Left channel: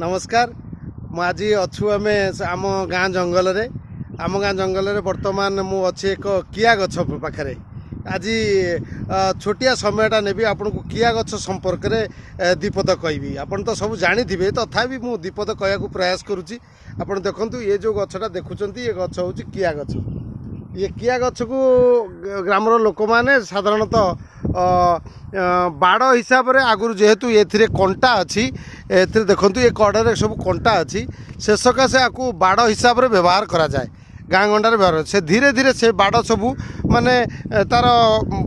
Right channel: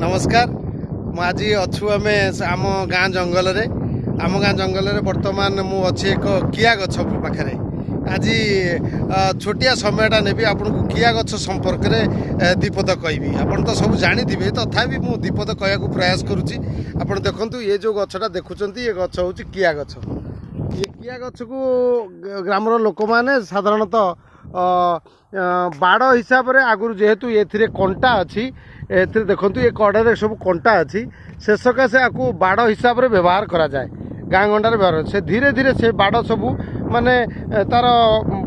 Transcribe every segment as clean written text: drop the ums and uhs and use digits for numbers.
नमस्कार मु आज अच्छु आम आम गाँ जंगल आम गाँ जंगल बर्तमान मु अच्छी एक किया गछ पाखे आज छोटिया समयटा नेबी आपन को किया गछ संपर्क में दीपद कहबी आपन तो सब जानी थे तथापि मु दीपद कहया प्रयास करुच्ची आपन देखंतु ये जो गछटा देखुंत ये गछ हूँ किया गछ ये किया गछ को ग्रामर लोक मैंने साधारणतः बाड़ हिसाब से आगुरी जेहेतु ये कंटा अच्छी ए देखो ये कड़े सब कंटा अच्छी से सकाशे आपको बाड़ हिसाब से व्यवहार करा जाए गाँ गंडार व्यवहार से धीरे धीरे से बाड़ सबू माने तार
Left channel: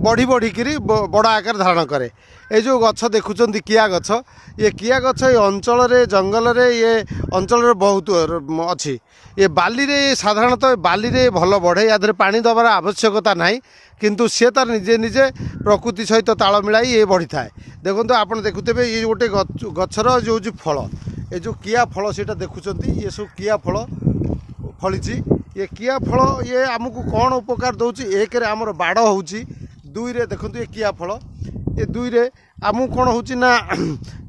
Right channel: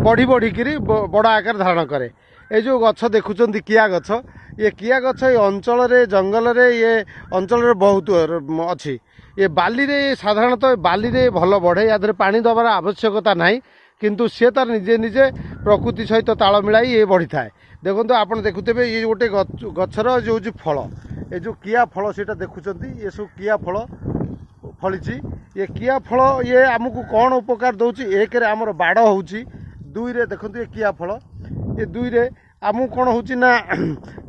बढ़ी बढ़िकी बड़ आकार धारण करे ये जो गछ देखुं किया गछ ये किया गछ ये अंचल जंगल ये अंचल बहुत अच्छी ये बाली रे साधारणतः बाली रे भल बढ़े या पानी दबार आवश्यकता नहीं किंतु सी तार निजे निजे प्रकृति सहित ताल मिलाई ये बढ़ी थाए देखो आप देखुथे ये गोटे गचर जो फल ये जो किया फल से देखुं ये सब किया फल फली ये किया फल ये आमको कौन उपकार दौर एक आमर बाड़ हो दुई रे देखो ये किया फल ये दुई रे आमको कौन होना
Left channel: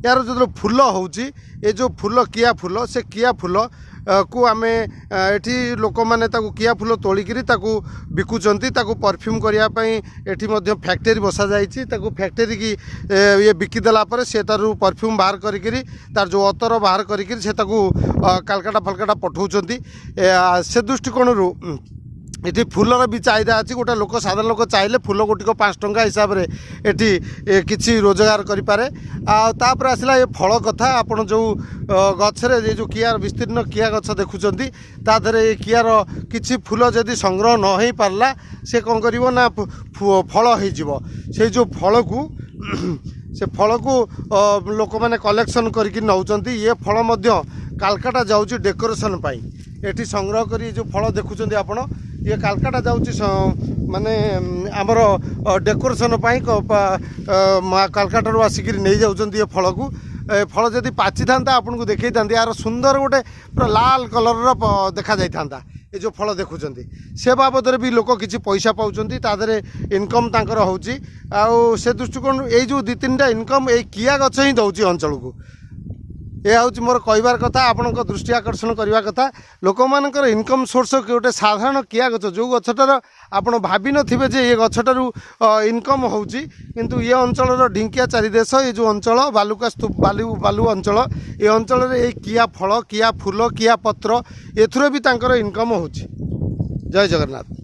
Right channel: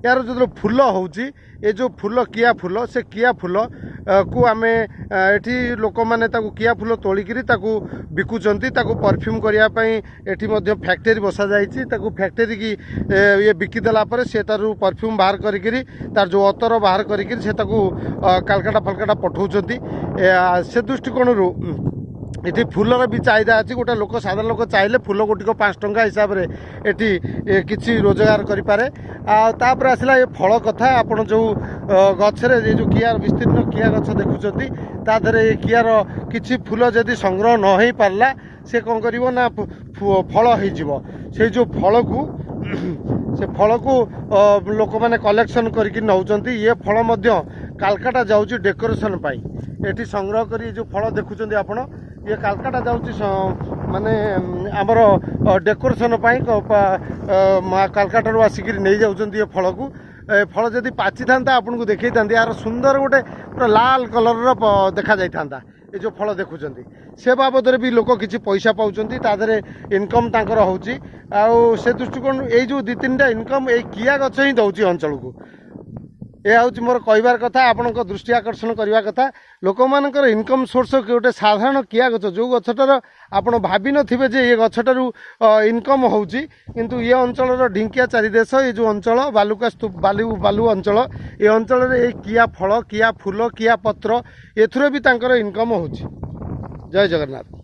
यार जो फूल हो जो फूल किया फूल से किया फूल को आम एठी लोक मैंने किया फूल तोलिकी बिकुंट परफ्यूम करने फैक्ट्री बसा जाइए फैक्ट्री की ये बिकिदेला से तार परफ्यूम बाहर करी तार जो अतर बाहर करी कालकाटा फलकाटा पठाऊँच से दृष्टिकोण ये फूलर भी चाहिदा अच्छी गोटे लोक साधारण लोक चाहिए फूल गोटिक 5 टंका हिसाब से ये किसी रोजगार करें तापर आसला ये फल कथा आपड़ जो गचरे ये जो किया विस्तीर्ण किया गछ देखुं तादर ये कियार किसी फूल जदि संग्रह न हो पारला से कौन कर फल हो से जो फल को से फल को लोक मैंने कलेक्शन करके नौकरी ये फल मध्य कालकाटा जाऊँगी डेकोरेशन एटी संग्रह कर जो फल देखुं आपड़ ये कालकाटा जाऊँगी माने आमर डेकोरेशन कालकाटा आसिक नहीं जाऊँच ये फल को फल जदि पाची था आपन को देखई था यार सुंदर गोटे पूरा लाल कलर देखा जाता ये जो फल देखुं से बाबद भी लोक किसी पैसा पाँच तादे इनकम तांकर होची आउ से दृष्टिकोण ये जो 2-3टा इनकम ये किया गछ ही दौर अंचल को यह हूँ मोर कहबार कथा आपण दृष्टि आकर्षण करने कथा लोक मानकर इनकम सोर्स गोटे साधारण किया गछ जो गछटार आपण भावी नथिबे जे ये गछटारू इनकम होउची किंतु ये अंचल ढिंकिया चारिदेश ये जो अंचल बालुका स्तूप बालू अंचल ये अंचल ये किया फल किया फूल किया पत्र एथुरे भी तांकर इनकम होउची। जय जगन्नाथ।